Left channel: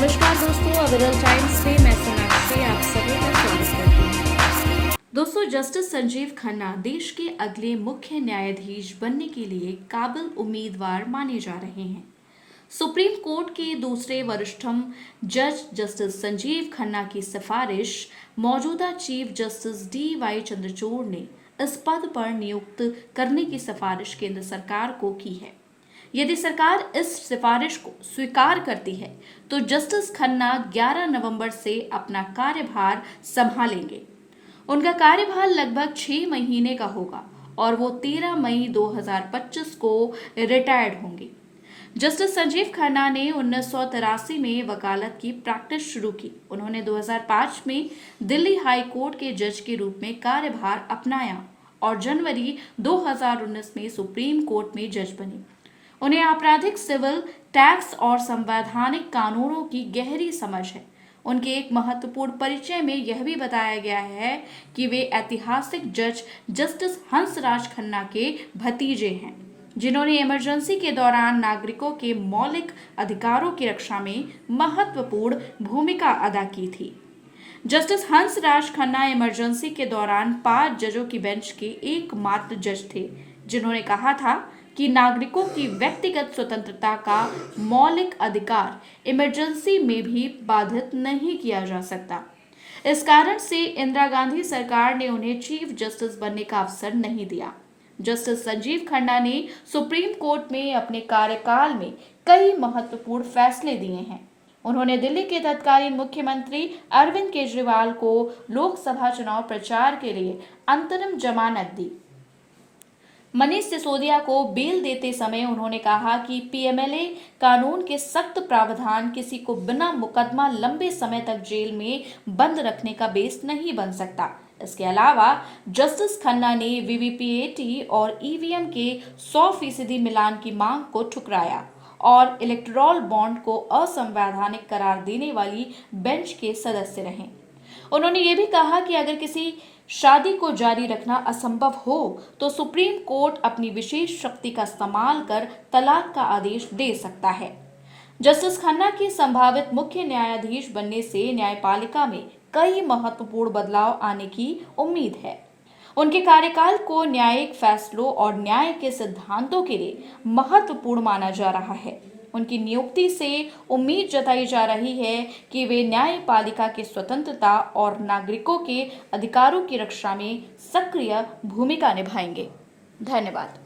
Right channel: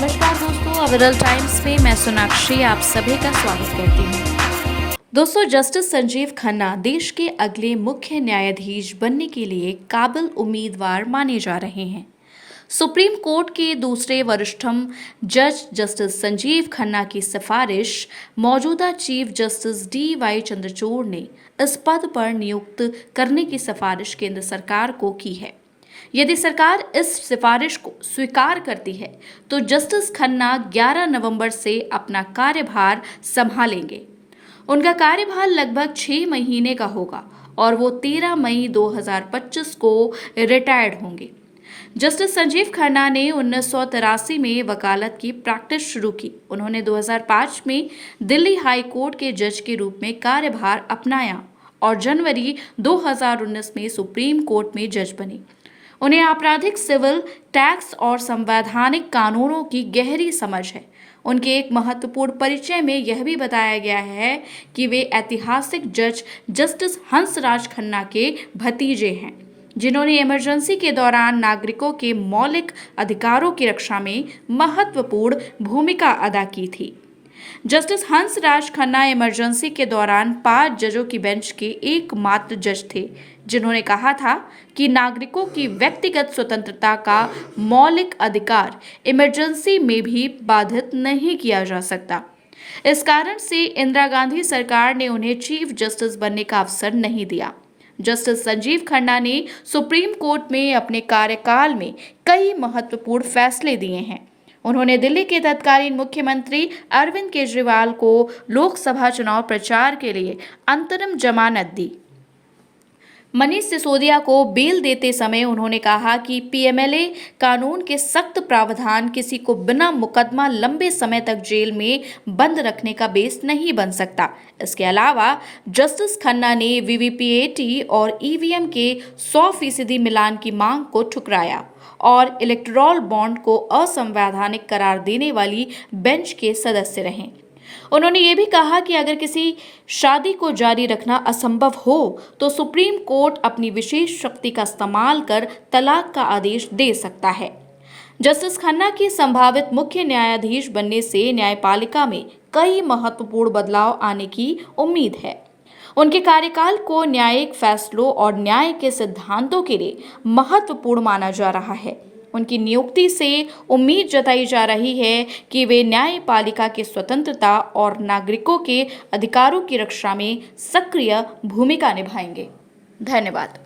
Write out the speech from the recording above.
नमस्कार दोस्तों, विरल टाइम्स में मैं सोनाक्षी आप सभी का स्वागत करती हूँ। दोस्तों, जस्टिस संजीव खन्ना देश के अगले मुख्य न्यायाधीश बनने के लिए काबिल उम्मीदवार माने जा रहे हैं। सुप्रीम कोर्ट के दूसरे वरिष्ठतम जज जस्टिस संजीव खन्ना की सिफारिश मौजूदा चीफ जस्टिस DY चंद्रचूड़ ने इस पद पर नियुक्त करने की सिफारिश केंद्र सरकार को की है। यदि सरकार इस सिफारिश को स्वीकार करती है तो जस्टिस खन्ना 11 नवंबर से अपना कार्यभार संभालेंगे। उनका कार्यभार लगभग 6 महीने का होगा और वो 13 मई 2025 को रिटायर्ड होंगे। जस्टिस संजीव खन्ना ने 1983 में वकालत की प्रैक्टिस शुरू की। उन्होंने 2005 में दिल्ली हाई कोर्ट के जज के रूप में कार्यभार अपनाया और जनवरी 2019 में सुप्रीम कोर्ट में जज बने। उन्हें आपराधिक, सिविल, टैक्स और संवैधानिक कानूनों की गहरी समझ है। उनके एक महत्वपूर्ण परिचय में यह भी बताया गया है कि वे ऐतिहासिक जज जस्टिस हंसराज खन्ना के भतीजे हैं, जिन्होंने इमरजेंसी के दौरान नागरिकों के मौलिक अधिकारों की रक्षा में महत्वपूर्ण भूमिका अदा की थी। जस्टिस हंसराज खन्ना इमरजेंसी के दौरान 5 जजों की बेंच के एकमात्र जज थे, जिन्होंने कहा था कि नागरिकों की व्यक्तिगत स्वतंत्रता का मौलिक अधिकार इमरजेंसी में भी बाधित नहीं किया जा सकता। इस कारण से इंदिरा गांधी सरकार ने उन्हें चीफ जस्टिस बनने का अवसर नहीं दिया। जस्टिस संजीव खन्ना ने सुप्रीम कोर्ट में अपने कार्यकाल में कई महत्वपूर्ण फैसले दिए हैं। उन्होंने दिल्ली के तत्कालीन मुख्यमंत्री अरविंद केजरीवाल को लोकसभा चुनाव प्रचार के लिए अंतरिम जमानत दी। मनीष सिसोदिया को बेल देते समय उन्होंने कहा कि PMLA कानून के सख्त प्रावधान किसी को बिना मुकदमा लंबे समय तक जेल में बंद रखने का बेस नहीं बन सकता। इसके अलावा जस्टिस खन्ना ने VVPAT और EVM के 100% मिलान की मांग को ठुकराया और इलेक्टोरल बॉन्ड को असंवैधानिक करार देने वाली बेंच के सदस्य रहे। उन्होंने ये भी कहा कि अगर किसी शादी को जारी रखना असंभव हो तो सुप्रीम कोर्ट अपनी विशेष शक्ति का इस्तेमाल कर तलाक का आदेश दे सकता है। जस्टिस खन्ना की संभावित मुख्य न्यायाधीश बनने से न्यायपालिका में कई महत्वपूर्ण बदलाव आने की उम्मीद है। उनके कार्यकाल को न्यायिक फैसलों और न्याय के सिद्धांतों के लिए महत्वपूर्ण माना जा रहा है। उनकी नियुक्ति से उम्मीद जताई जा रही है कि वे न्यायपालिका की स्वतंत्रता और नागरिकों के अधिकारों की रक्षा में सक्रिय भूमिका निभाएंगे। धन्यवाद।